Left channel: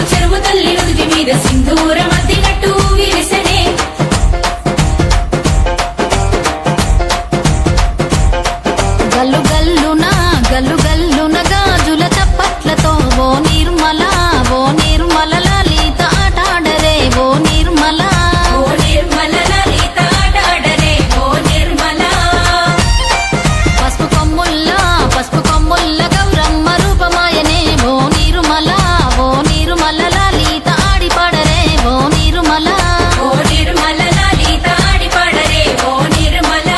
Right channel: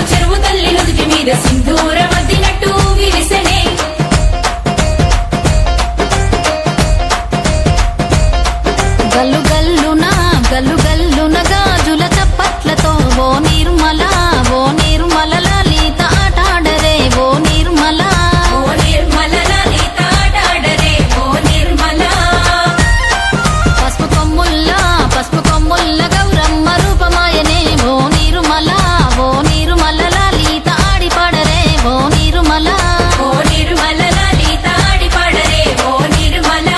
సింధూరాలు చెరువు తల్లి నుదుటి మీద సింధూరం అద్దినట్టు విరిసెనే. గల్లు గల్లున గాజుల చప్పట్లతో ఓ నిర్మల లలిత ఆటాడరే ఓ నిర్మల లలిత ఆటాడరే ఓ నిర్మల. పసుపు కొమ్ముల్ల గౌరమ్మ రూపమాయనే ఓ నిర్మల లలిత ఆడిపాడరే ఓ నిర్మల లలిత ఆడిపాడరే ఓ నిర్మల.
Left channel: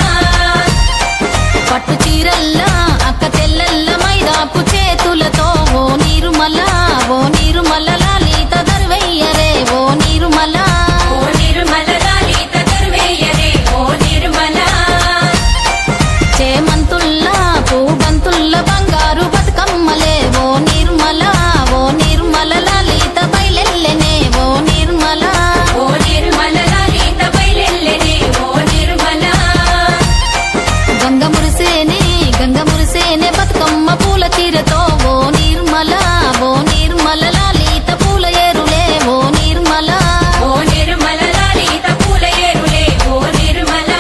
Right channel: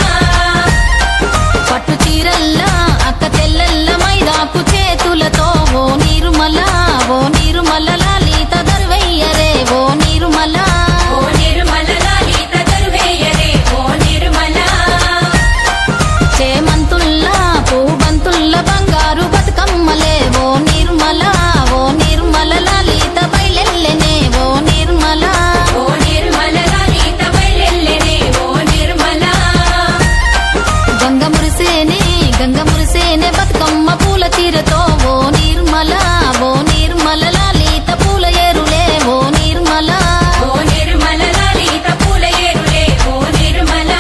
పట్టు చీరల్లా అక్క తెల్లల్ల మైదాకు చేతులతో ఓ నిర్మల లలిత దర్వయ్యరే ఓ నిర్మల లలిత దర్వయ్యరే ఓ నిర్మల. చేమంతుల్లా పూబంతుల్ల బంగారు బతుకమ్మలే ఓ నిర్మల లలిత బయలెల్లెనే ఓ నిర్మల లలిత బయలెల్లెనే ఓ నిర్మల. గంగ మురిసేనే బతుకమ్మ పూల చీరతో ఓ నిర్మల లలిత పూల ఏరులే ఓ నిర్మల లలిత పూల ఏరులే ఓ నిర్మల.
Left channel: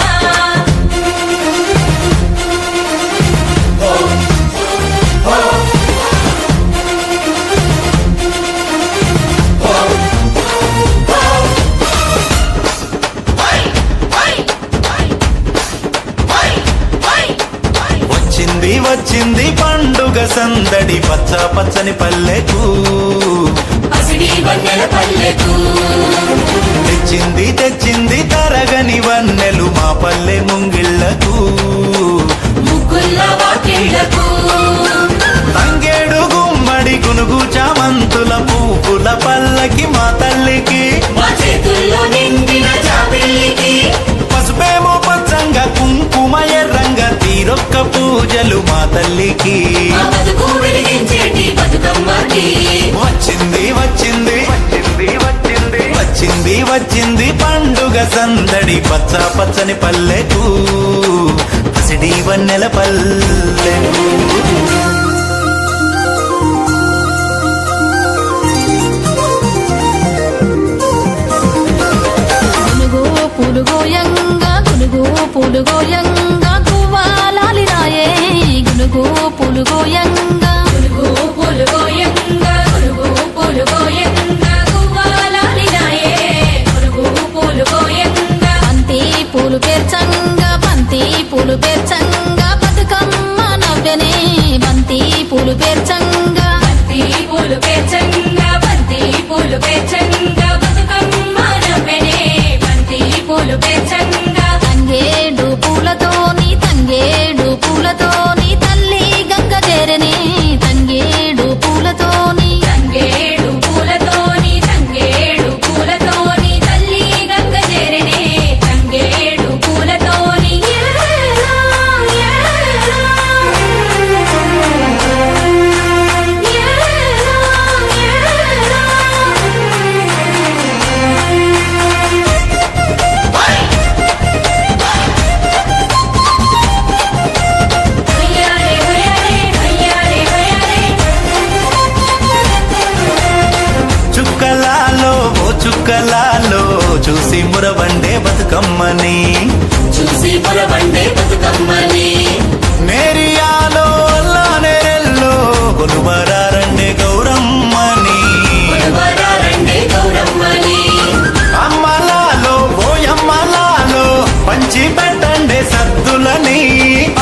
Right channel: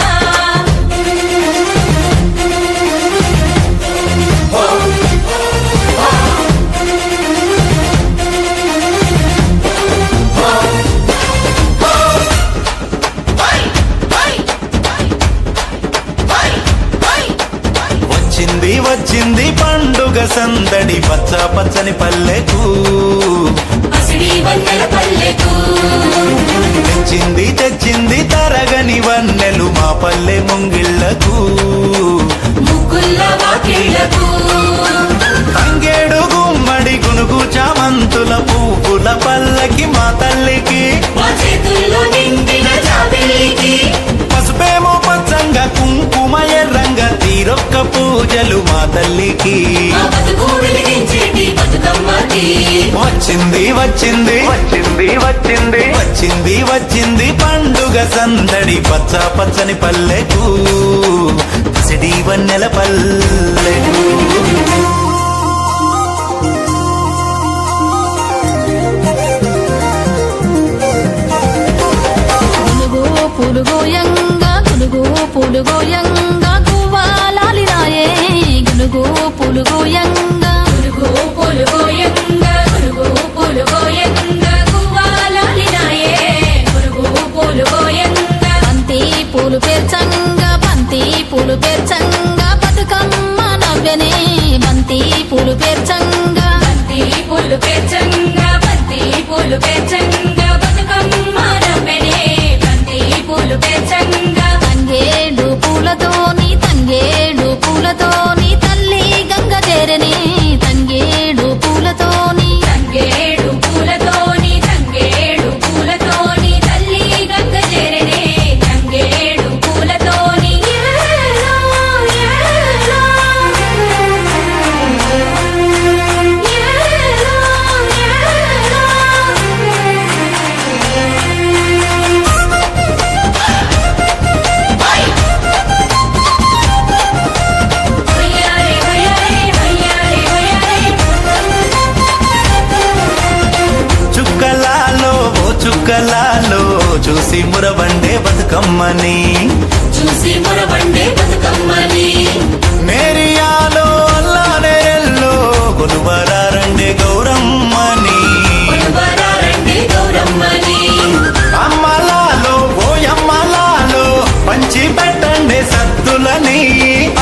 వచ్చింది పండుగ సందడి పచ్చని పల్లెకు పసిడి వన్నెల పల్లెకు. తెచ్చింది తరగని వన్నెలు మా పల్లె ముంగిళ్లకు ముగ్గుల్ల వాకిళ్లకు. తంగేడు గుమ్మడి గునుగు చామంతుల పువ్వుల పల్లకి మా తల్లికి మా చేతుల్లో నిండిన జాబిల్లికి. పసుపేమో పచ్చంగా కుంకుమ ఎర్రంగా తీరొక్క పూజలు మా తల్లికి. మా బతుకు వెలిగించేటి బతుకమ్మకి. వచ్చింది పండుగ సందడి పచ్చని పల్లెకు పసిడి వన్నెల పల్లెకు. పులుగోయంగా గువ్వాలాలిరాయే గునుగు పులుగోయంగా గువ్వాలాలినాయే గునుగు పులుగోయంగా. బంతి పూలు పేర్చంగా బతుకమ్మ నవ్వెనే బంతి పూలు పేర్చంగా బతుకమ్మ నవ్వెనే బంతి పూలు పేర్చంగా. తంగేడు పూలతోని తల్లి గంగ చేరనే తంగేడు పూలతోని తల్లి గంగ చేరనే తంగేడు పూలతోని. ఏలో, ఏలో, ఏలో, ఏలో. హొయ్యారే, హొయ్యారే, హొయ్యారే, హొయ్యారే. చుక్కలాలో చూసి మురవండే బతుకమ్మని నేరియాలో అల్లా నేరెల్లో కొలువరారండే గౌరమ్మని. అమ్మలాలో ఓయమ్మలాలో పంచి పెట్టండే సద్దులని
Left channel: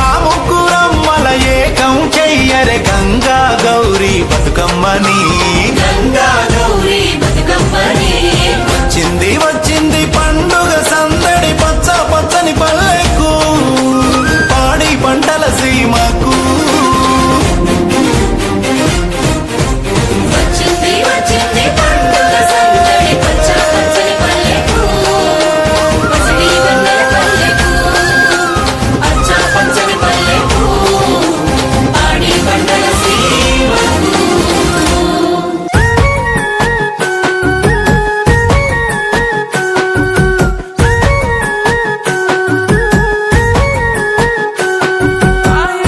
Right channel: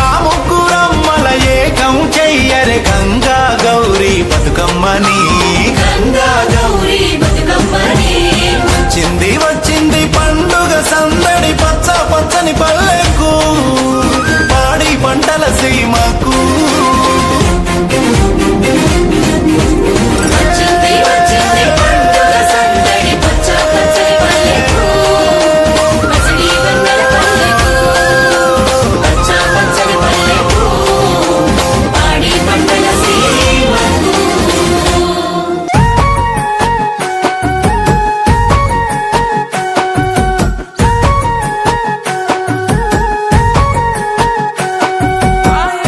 ఆ ముగ్గురమ్మల ఏకం చెయ్యరే గంగా గౌరీ బతుకమ్మని. వచ్చింది పండుగ సందడి పచ్చని పల్లెకు పాడి పంటల సీమకు. వచ్చింది పండుగ సందడి పచ్చని పల్లెకు పసిడి వన్నెల పల్లెకు. పచ్చని పల్లెకు పాడి పంటల సీమకు. Ay,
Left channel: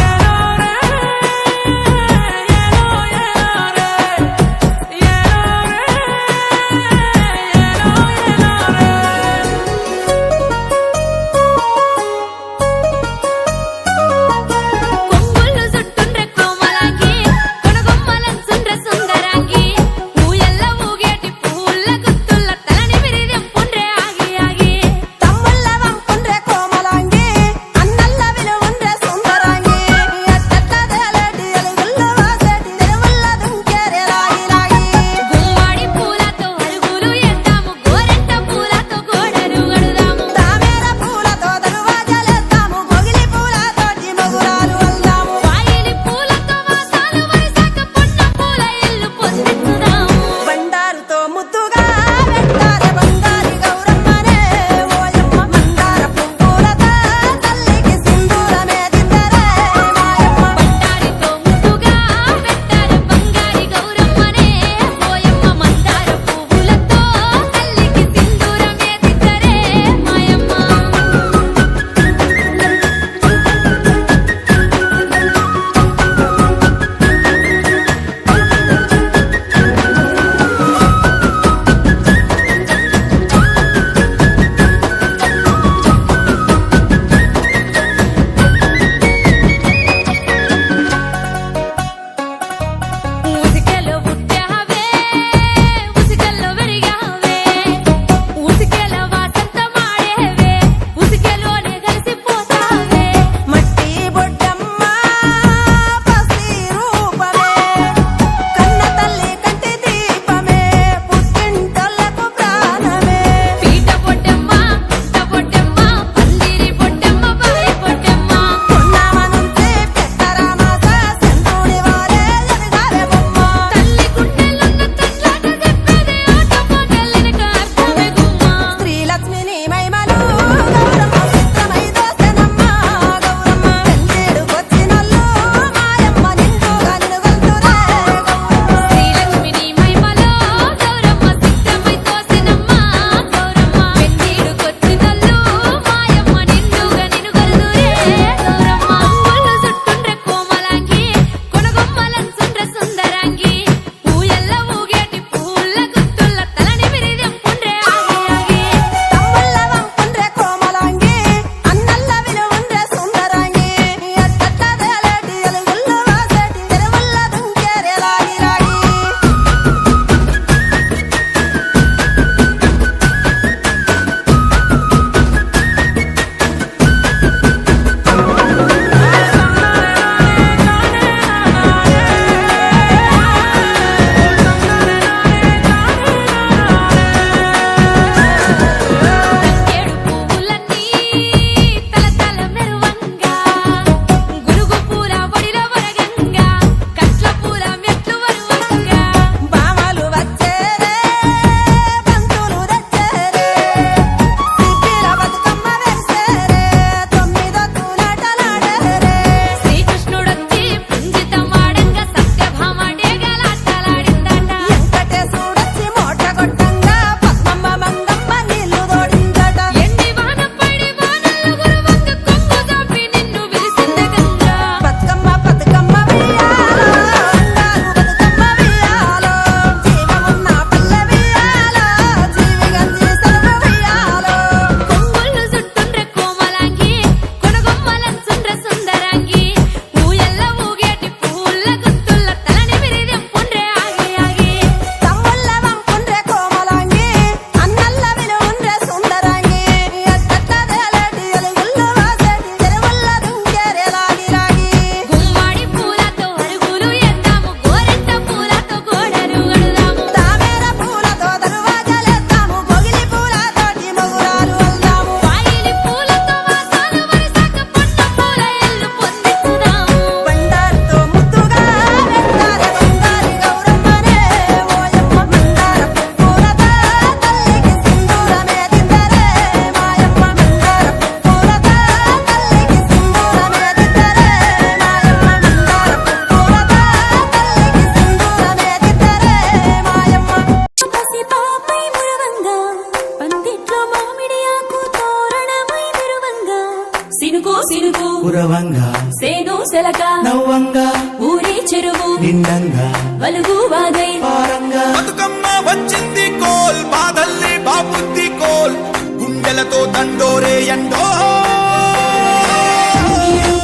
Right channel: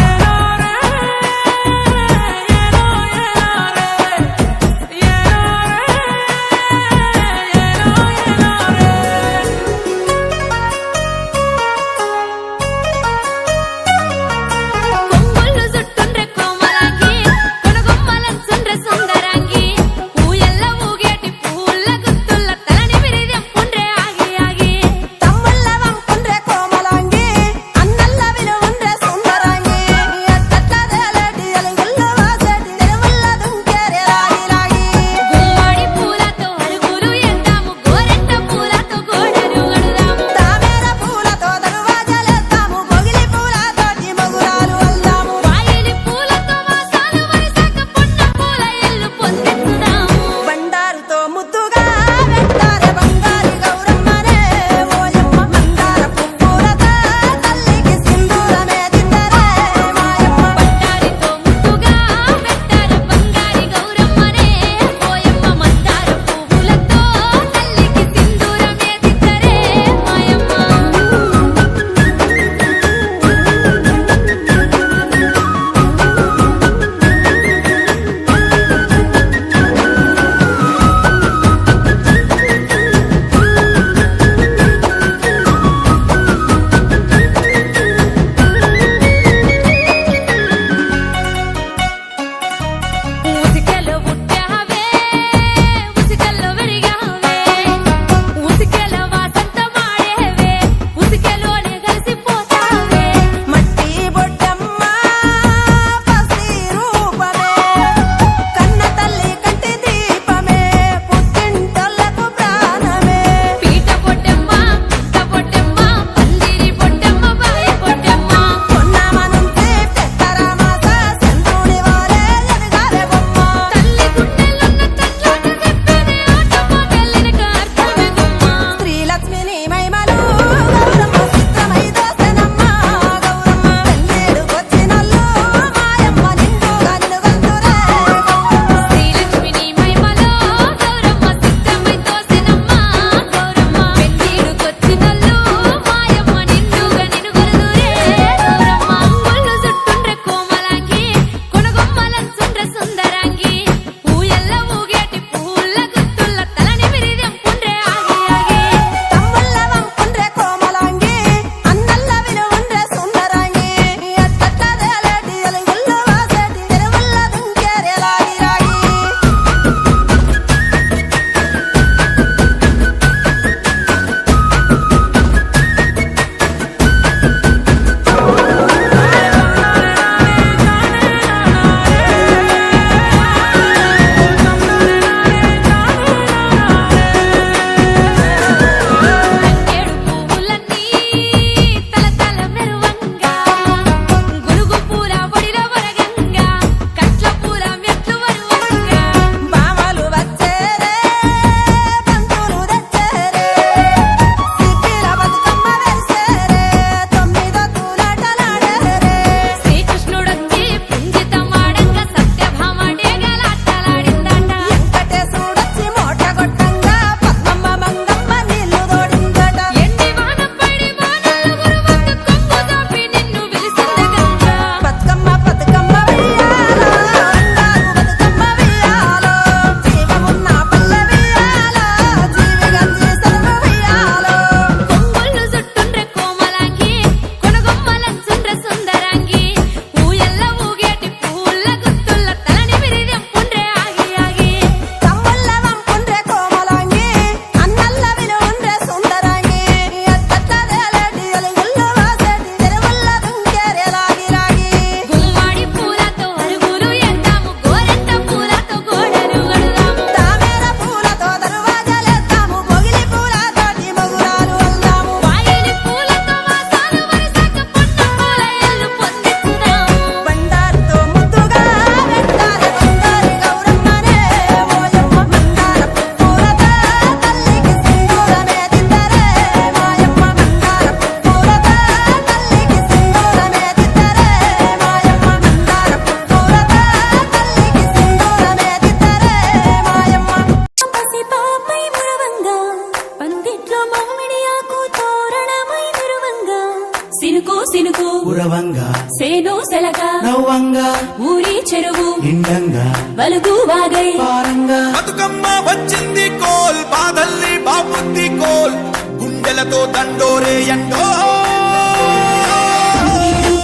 గుండెలతో దండోరే ఎండో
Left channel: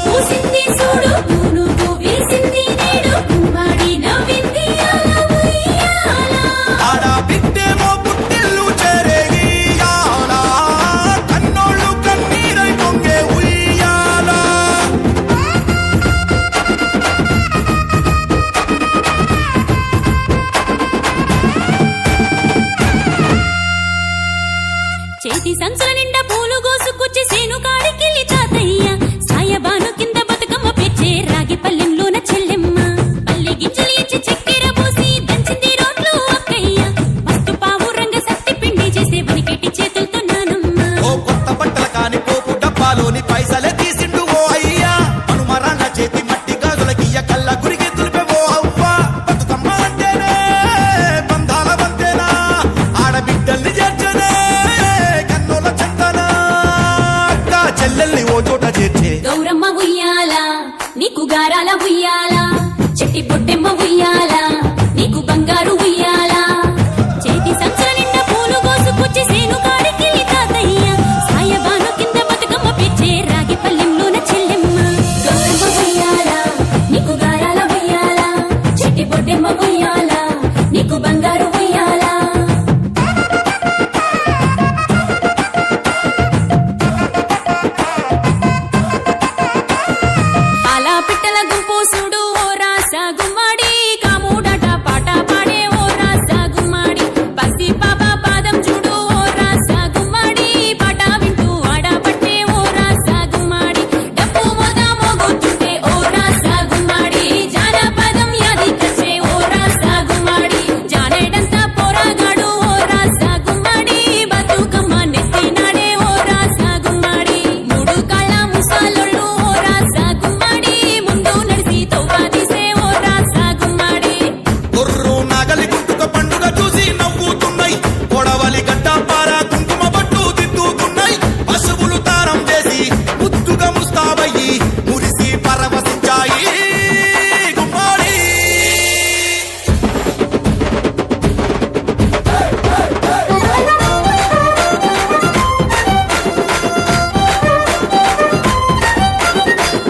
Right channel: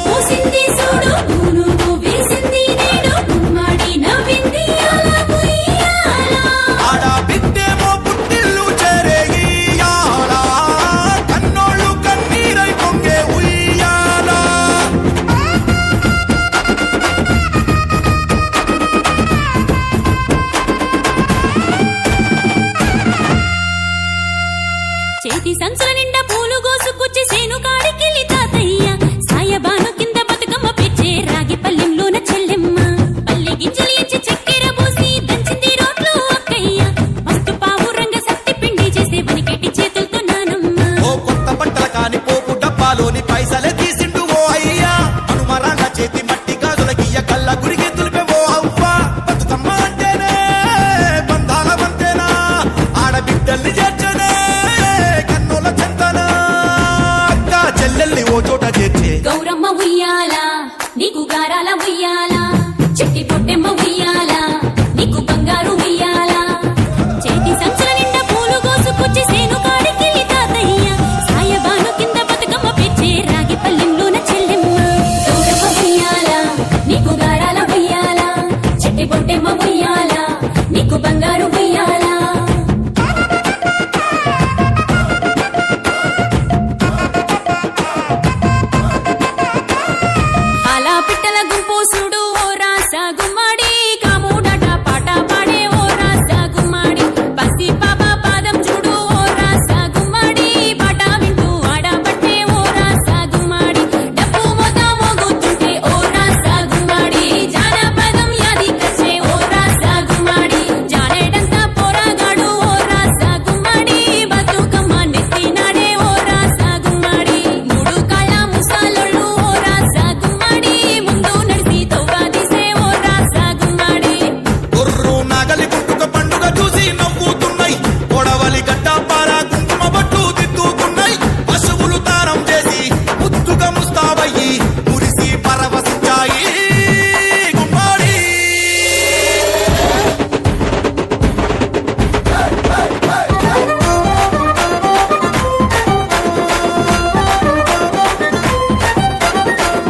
పూసింది చూడు పూలు వేసింది నేడు గుమ్మడి నవ్వింది అలా ఉయ్యాల. ఆడ బిడ్డేమో పుట్టిల్లు చేరేగియాల కన్నోళ్ళు కన్నీరై పొంగే ఉయ్యాల చేతి సంచుల నిండా పూలు గోసుకొచ్చి సేను కాడికెళ్ళి తాతయ్య సాయబాను కింద బతుకమ్మ పెచ్చే రాగి పల్లెంలోన చెల్లెమ్మ పల్లె గింజలు ఎంచి చక్కెర పోసి దంచింది రోడ్లు అక్కయ్య మస్తు పావు రంగ సత్తి పిండి చేసే వనికెట్టి చేతులతో నానమ్మ. ఓ కొత్త బట్టల కాని పోపు డబ్బాలోని పైసలే తీసిండు ఓ అయ్యా మనుమరాళ్ళ చేతి మట్టి గాజులకియ్య కళ్ళ గురికి తులిపే ఓ అవ్వ బతుకమ్మ అంటేనే బంధాల వంతేనా ఆడబిడ్డల్ని చేర్చనే కన్నుల చెంతనా అక్క చెల్లెల్ని ఓ చోట చేర్చే గౌరమ్మ ఉయ్యాల నీకు గారాల ఉయ్యాల చెట్టి పొట్టెమ్మ ఉయ్యాల నీకు బంగారు ఉయ్యాల. చేతి సంచుల నిండా పూలు గోసుకొచ్చి సేను కాడికెళ్ళి తాతయ్య సాయబాను కింద బతుకమ్మ పెచ్చే రాగి పల్లెంలోన చెల్లెమ్మ. గౌరమ్మ ఉయ్యాల నీకు గారాల ఉయ్యాల చెట్టి పొట్టెమ్మ ఉయ్యాల నీకు బంగారు ఉయ్యాల. అలా పిట్టల గుంపు చూడు ఓ రాస గుమ్మడి కాముడట పాట పాడే ఓ రాస గుమ్మడి పసి పాప పాదం చూడు ఓ రాస గుమ్మడి పాట వింటూ ఆడబట్టే ఓ రాస గుమ్మడి డప్పు మోత మోగుతుంటే ఓ రాస గుమ్మడి జానపదం యాదికొచ్చే ఓ రాస గుమ్మడి జానేడంతా పోరాగాడు ఓ రాస గుమ్మడి బతుకమ్మ నెత్తినాడే ఓ రాస గుమ్మడి మూడు కాళ్ళ ముసాలొళ్ళు ఓ రాస గుమ్మడి ముందు నడిసి తవ్వాదిసే ఓ రాస గుమ్మడి. గొర్రు నాగలి గుంటుక పండుగ చూసి నవ్వుతున్నాయి కొడవలి గడ్డ పార కుంకుమ బట్టు దిద్దుకున్నాయి పశువులు తారం చేసి ముద్దుగా ముస్తాబయ్యి మురిసి పరవశించాయి గుమ్మాడి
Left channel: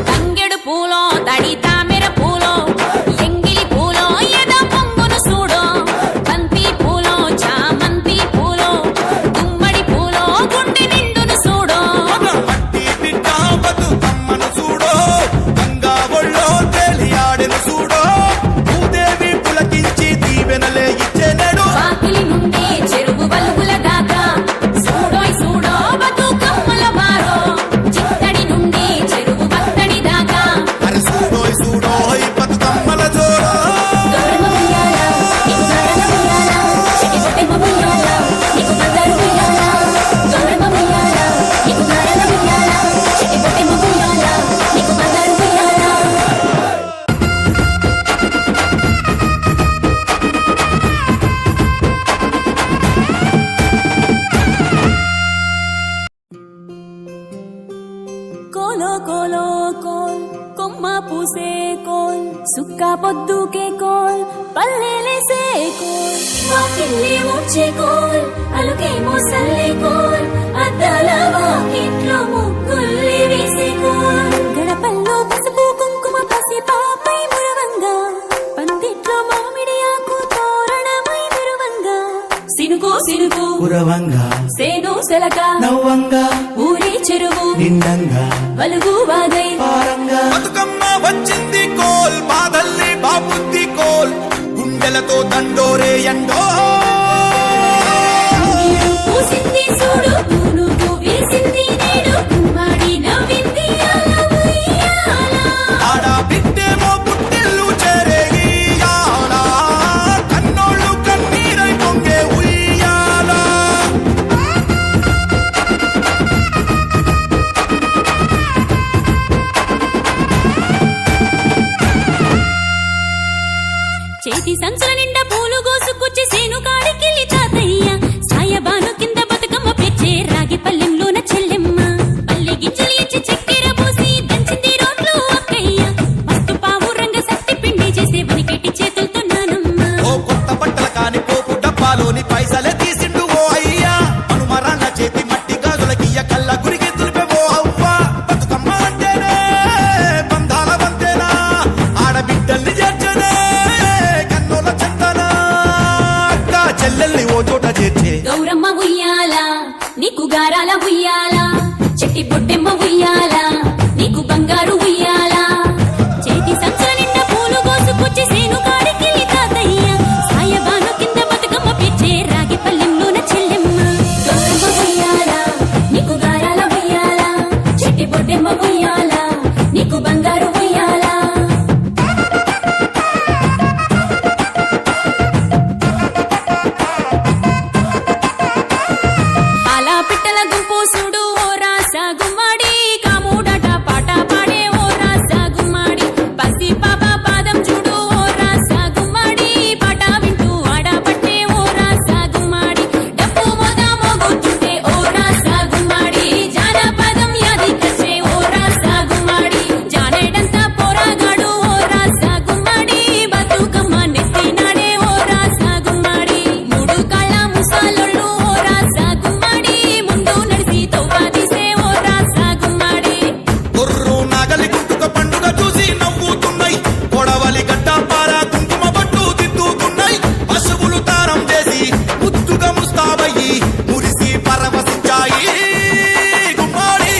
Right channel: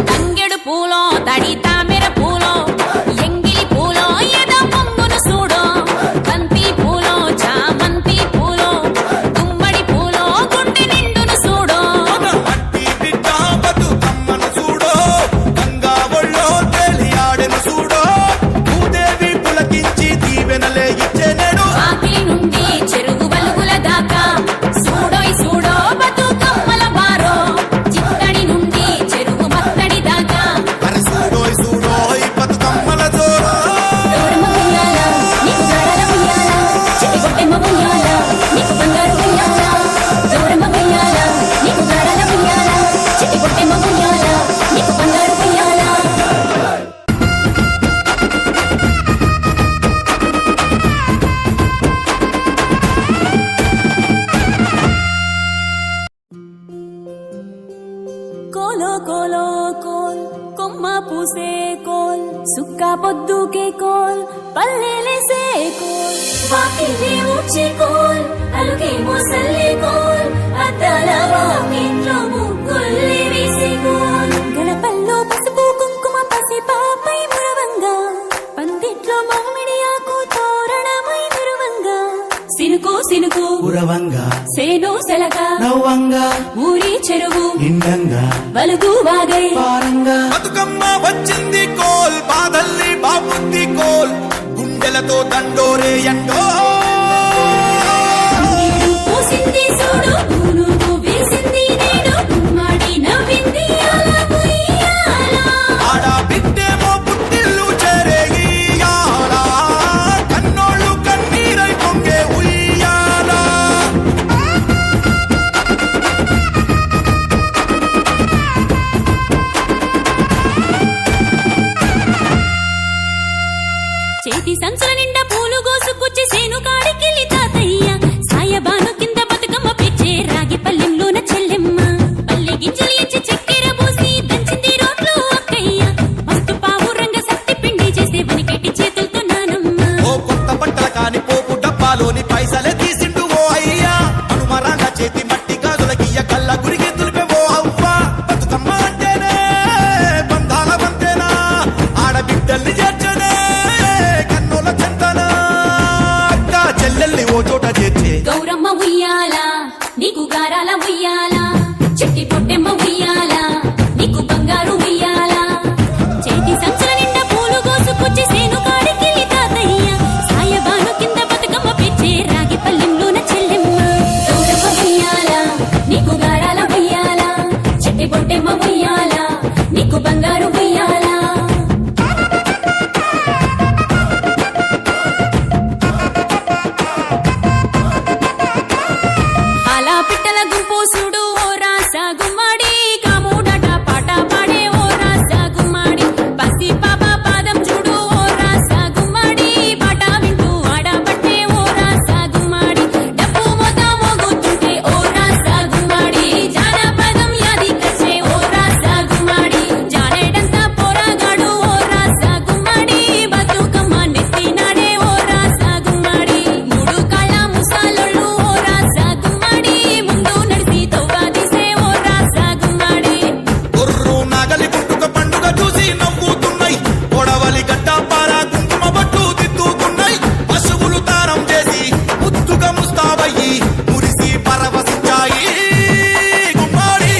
తంగెడు పూలో తడి తామెర పూలో ఎంగిలి పూలో ఎద పొంగును చూడో బంతి పూలో చామంతి పూలో గుమ్మడి పూలో గుండె నిండును చూడో. మట్టి బిడ్డ బతుకమ్మను చూడో గంగా ఒళ్ళో తేలియాడెను చూడో భూదేవి పులకించి దీవెనలే ఇచ్చేనేడు వాకిలి నుండి చెరువు వలుగుల దాకా చూడోయ్ చూడో బతుకమ్మల బారో చిత్తడి నుండి చెరువు మత్తడి దాకా. అరే చూడోయ్ చూడోయ్ బతుకమ్మల జోరో గౌరమ్మ ఉయ్యాల, నీకు గారాల ఉయ్యాల, చెట్టి పొట్టెమ్మ ఉయ్యాల, నీకు బంగారు ఉయ్యాల. గౌరమ్మ ఉయ్యాల, నీకు గారాల ఉయ్యాల, చెట్టి పొట్టెమ్మ ఉయ్యాల, నీకు బంగారు ఉయ్యాల. కోలో కోలో కోల్ కొమ్మ పూసే కోల్ సుక్క పొద్దుకే కోల్ పల్లెలేసే కోల్ వాకిల్లే ఊడ్చే కోల్ అలుకే మోసల్లే కోల్ అద్దాల వాకిట్లో ముగ్గుల్లే వేసే కోల్ గడపల్లో పసుపు కుంకుమ పసి పాపై మురవంగా పందిట్లో మామిడి ఆకు తోరణమై మురవంగా సినుకు సినుకు పురవంగా సేను సెలక నవ్వంగా ఊరి చెరువు నిండంగా వలుగు వాగై బతుకమ్మ వచ్చింది కోల్ బాధల్ని బాబుద్ది కోల్ గుండెలతో దండోరే ఎండో పూసింది చూడు పూలు వేసింది నేడు గుమ్మడి నవ్వింది అలా ఉయ్యాల. ఆడ బిడ్డేమో పుట్టిల్లు చేరేగియాల కన్నోళ్ళు కన్నీరై పొంగే ఉయ్యాల చేతి సంచుల నిండా పూలు గోసుకొచ్చి సేను కాడికెళ్ళి తాతయ్య సాయబాను కింద బతుకమ్మ పెచ్చే రాగి పల్లెంలోన చెల్లెమ్మ పల్లె గింజలు ఎంచి చక్కెర పోసి దంచింది రోడ్లు అక్కయ్య మస్తు పావు రంగ సత్తి పిండి చేసే వనికెట్టి చేతులతో నానమ్మ. ఓ కొత్త బట్టల కాని పోపు డబ్బాలోని పైసలే తీసిండు ఓ అయ్యా మనుమరాళ్ళ చేతి మట్టి గాజుల కళ్ళ గురికి తులిపేవో అవ్వ బతుకమ్మ అంటేనే బంధాల వంతేనా ఆడబిడ్డల్ని చేర్చనే కన్నుల చెంతనా అక్క చెల్లెల్ని ఓ చోట చేర్చే గౌరమ్మ ఉయ్యాల నీకు గారాల ఉయ్యాల చెట్టి పొట్టెమ్మ ఉయ్యాల నీకు బంగారు ఉయ్యాల చేతి సంచుల నిండా పూలు కోసుకొచ్చి సేను కాడికెళ్ళి తాతయ్య సాయబాను కింద బతుకమ్మ పిచ్చే రాగి పల్లెంలోన చెల్లెమ్మ గౌరమ్మ ఉయ్యాల నీకు గారాల ఉయ్యాల చెట్టి పొట్టెమ్మ ఉయ్యాల నీకు బంగారు ఉయ్యాల అలా పిట్టల గుంపు చూడు ఓ రాస గుమ్మడి కాముడట పాట పాడే ఓ రాస గుమ్మడి పసి పాప పాదం చూడు ఓ రాస గుమ్మడి పాట వింటూ ఆడబట్టే ఓ రాస గుమ్మడి డప్పు మోత మోగుతుంటే ఓ రాస గుమ్మడి జానపదం యాదికొచ్చే ఓ రాస గుమ్మడి జానేడంతా పోరాగాడు ఓ రాస గుమ్మడి బతుకమ్మ నెత్తినాడే ఓ రాస గుమ్మడి మూడు కాళ్ళ ముసాలొళ్ళు ఓ రాస గుమ్మడి ముందు నడిసి తవ్వాదిసే ఓ రాస గుమ్మడి గుర్రు నాగలి గుంటుక పండుగ చూసి నవ్వుతున్నాయి పొడవలి గడ్డ పార కుంకుమ బట్టు దిద్దుకున్నాయి పశువులు తారం చేసి ముద్దుగా ముస్తాబయ్యి మురిసి పరవశించాయి గుమ్మాడి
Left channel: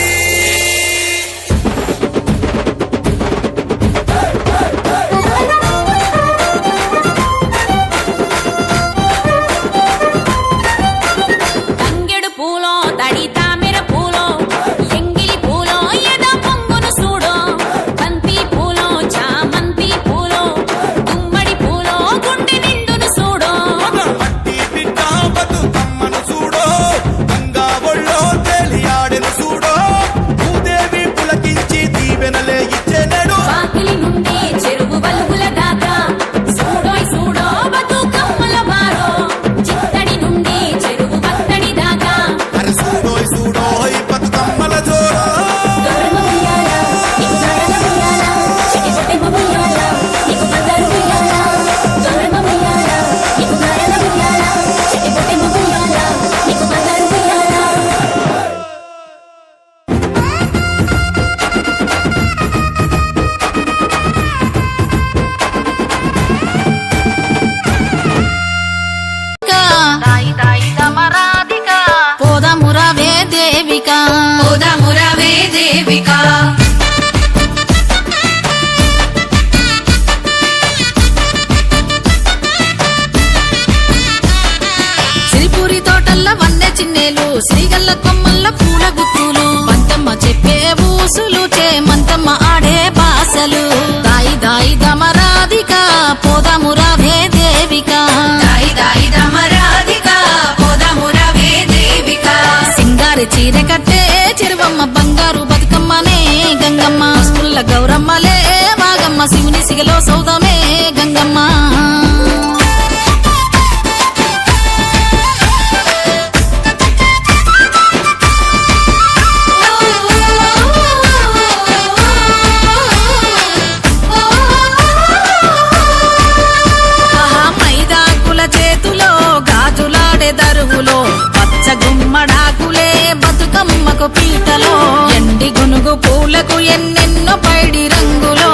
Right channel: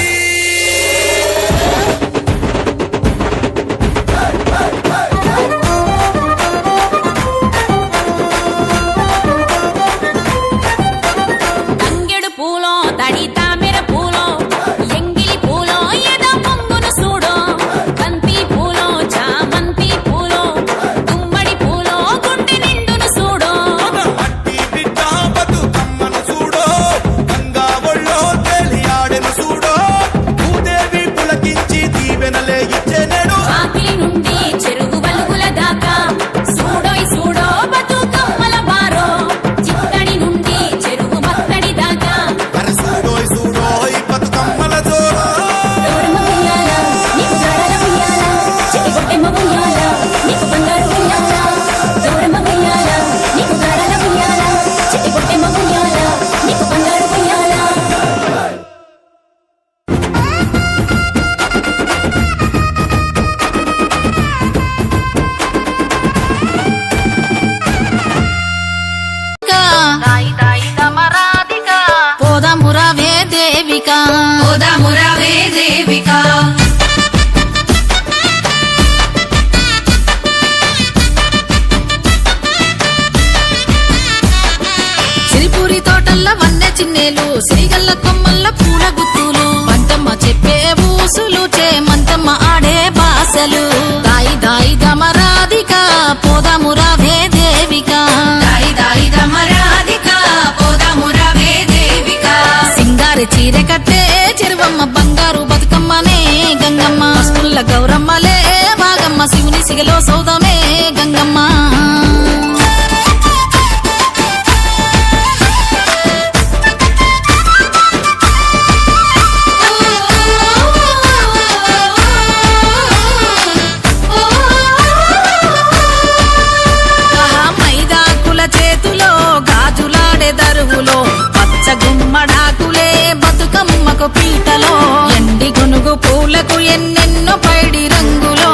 తంగెడు పూలో తడి తామెర పూలో ఎంగిలి పూలో ఎదో పొంగును చూడో బంతి పూలో చామంతి పూలో గుమ్మడి పూలో గుండె నిండును చూడో మట్టి బిడ్డ బతుకమ్మను చూడో గంగా ఒళ్ళో తేలియాడెను చూడో భూదేవి పులకించి దీవెనలే ఇచ్చేనేడు వాకిలి నుండి చెరువు వలుపుల దాకా చూడోయ్ చూడో బతుకమ్మల బారో చిత్తడి నుండి చెరువు మత్తడి దాకా అరే చూడోయ్ చూడోయ్ బతుకమ్మల జోరో దాయి దాయి దమరాధిక పోదామురావే దేవిక పోదామురావే దేవిక సిరిపూరి తోటల్ల వన్నె చిన్నేలు సిరిగల్ల కొమ్మల్ల పూల గుత్తులు మంతమ్మ చెప్పే ఊసులు మంతమ్మ ఆడే బాసలు దాయి దాయి దమరాధిక పోదామురావే దేవిక దాయి దాయి దమరాధిక పోదామురావే దేవిక సింగారి చీర కట్టే చెరువమ్మ బంగారు బతుకమ్మనే గంగమ్మ పసుపుల్ల గౌరమ్మలే వాగమ్మ శివుని సిగలో సౌదమే గంగమ్మ ఆహా, మైదాకుల చేతులో గాజులాడే దరువులో పచ్చ గుమ్మడాకులే బతుకమ్మకు పీటలో ఎండి గునుగు పూలకు ఎన్నెన్నో పైడి రంగులో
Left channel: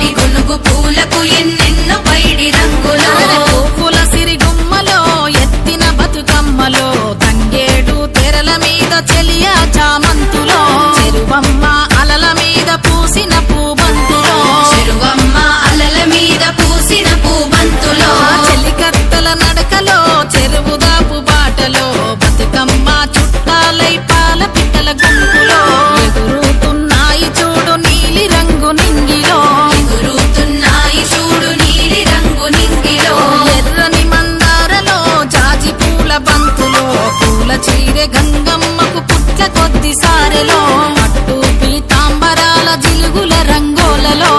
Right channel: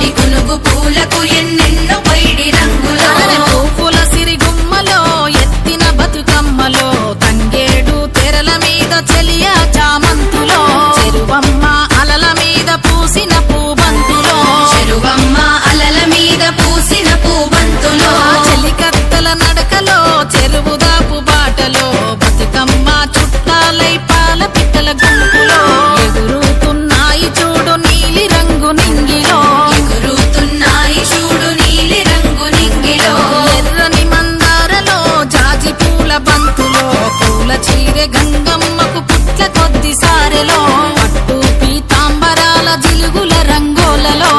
ఈ గునుగు పూలకు ఎన్నెన్నో పైడి రంగులో అరె పువ్వుల సిరిగుమ్మలో ఎత్తిన బతుకమ్మలో తంగేడు తెరల మీద చెలియా చామంతులో చెరువమ్మ అలల మీద పూసిన పూబంతులో చెరువమ్మ అలల మీద పూసిన పూబంతులో చెలికత్తల నడకలో చెరువుదాపు బాటలో బతుకమ్మ చుట్టాలై పాల పిట్టల గుంపులో ఎగురుతున్నాయి చూడు నీలి రంగు నింగిలో ఎగురుతున్నాయి చూడు నీలి రంగు నింగిలో ఎర్రని మందారలో జాజి పూల బంతులో పూల చీరె గంగమ్మకు పుట్ల కొద్ది సారెలో పట్టు పీతాంబరాల జిలుగుల రంగోలలో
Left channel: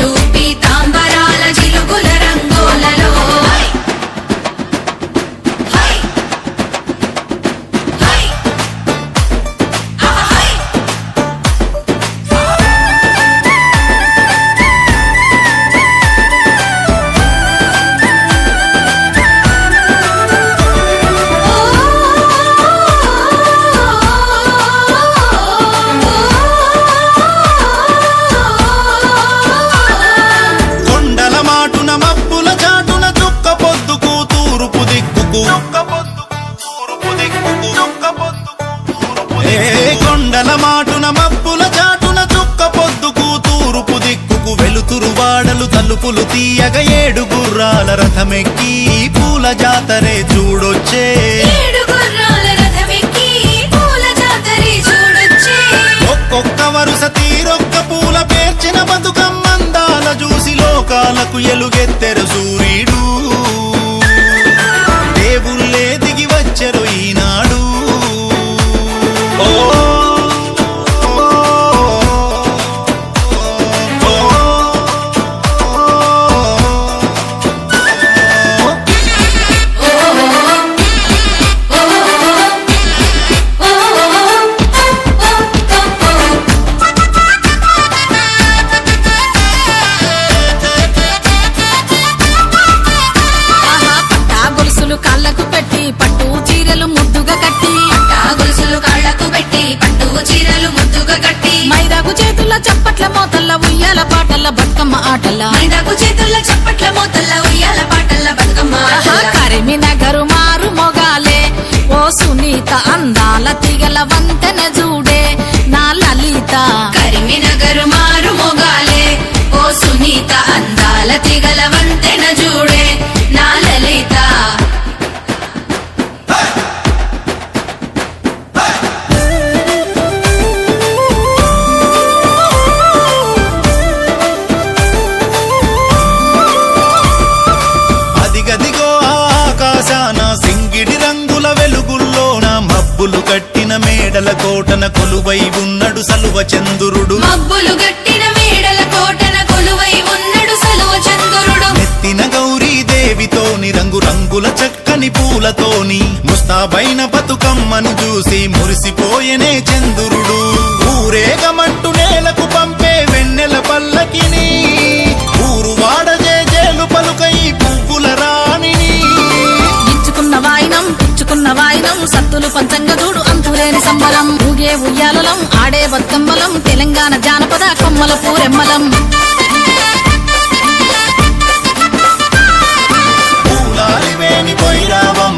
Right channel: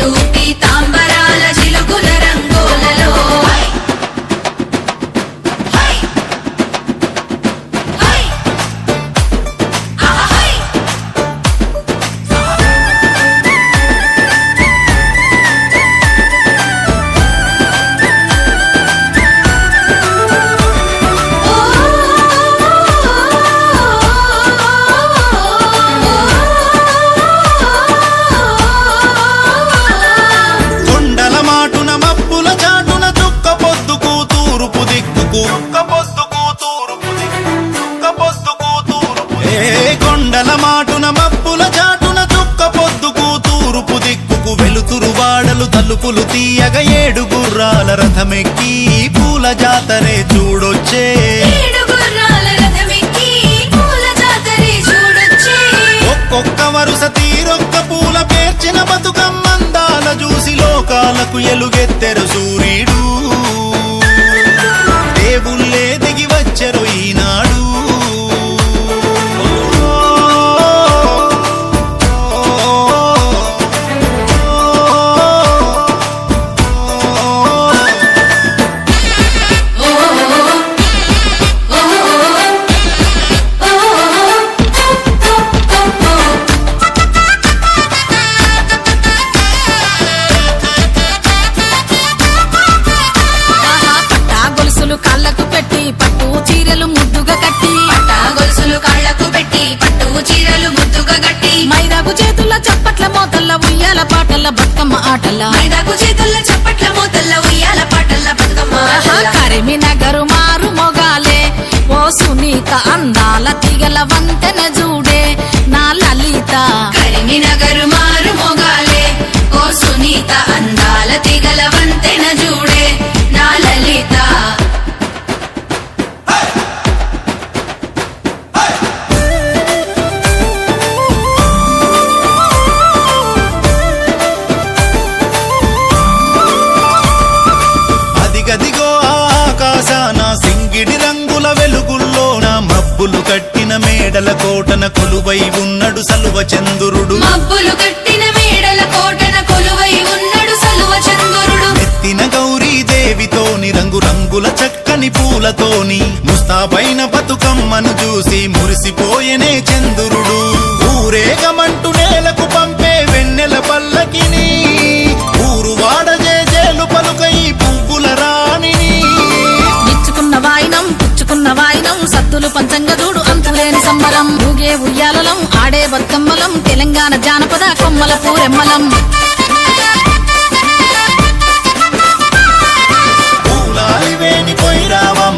టూపీ తాంబరాల జిలుగుల రంగోలలో హై హై హై దిక్కుకు ఏ కొండల మాటున మబ్బుల చాటున చుక్క పొద్దుకు తూరుపు దిక్కుకు వెలుతురు వాడలు తలుపులు తీయగ 7 గుర్రాల రథమెక్కి పూల జాతరే చూడొచ్చే ఒక్కొక్క వరుస తీరొక్క పూల పేర్చిన బతుకమ్మందాల చూసి లోకాలకు ఎలుగెత్తెరు సూర్యుడు దేవుళ్ళే దిగి వచ్చెరు ఈనాడు ఓ కాళ్ళకు పెట్టి పట్టు చీరలు ముద్దుగా కట్టి గొలుసులు కాళ్ళకు పెట్టి పట్టు చీరలు ముద్దుగా కట్టి మైదాకు చేతుల చప్పట్ల మోతల్ల ఉయ్యాల పాటల్ల బతుకమ్మ ఆటల్ల మైదాకు చేతుల్లో చప్పట్ల మోతల్ల ఉయ్యాల పాటల్ల బతుకమ్మ ఆటల్ల. కరిమినగరు మారు మొగాలే ఓ సునీత అందాల తిగల వంతెన జూడే నా లలిత కరీంనగర్ మారు మొగాలే ఓ సునీత అందాల తిగల వంతెన జూడే నా లలిత అదిగదిగో ఆకాశాన సింగిడి రంగుల వెలుగుల్లోన మబ్బులు కట్టిన మేడల కోటన కొలువై ఉన్నడు సలువ చంద్రుడు మబ్బులు గట్టిన మేడల కోటన కొలువై ఉన్నడు సలువ చంద్రుడు నెత్తిన గౌరీదేవితోని రంగు రంగుల చక్కని పూలతోని ముస్తాబైన బతుకమ్మను చూసి మురిసిపోయెనే చంద్రుడు ఊరేగమంటూ నేలకు పంపే వెన్నెల పల్లకిని ఊరు వాడ జేజేలు పలుకై పువ్వుల రాణిని ఇచ్చుకున్న వాయినం పుచ్చుకున్న వాయినం సత్తులు పంచంగా చూడు అంతులేని సంబరం ఊగే ఉయ్యాలలం ఆడే బతుకమ్మలం తెలంగాణ జానపద కొమ్మల పూరెమ్మలం పూలాలివేని పొయ్యిరావమ్మ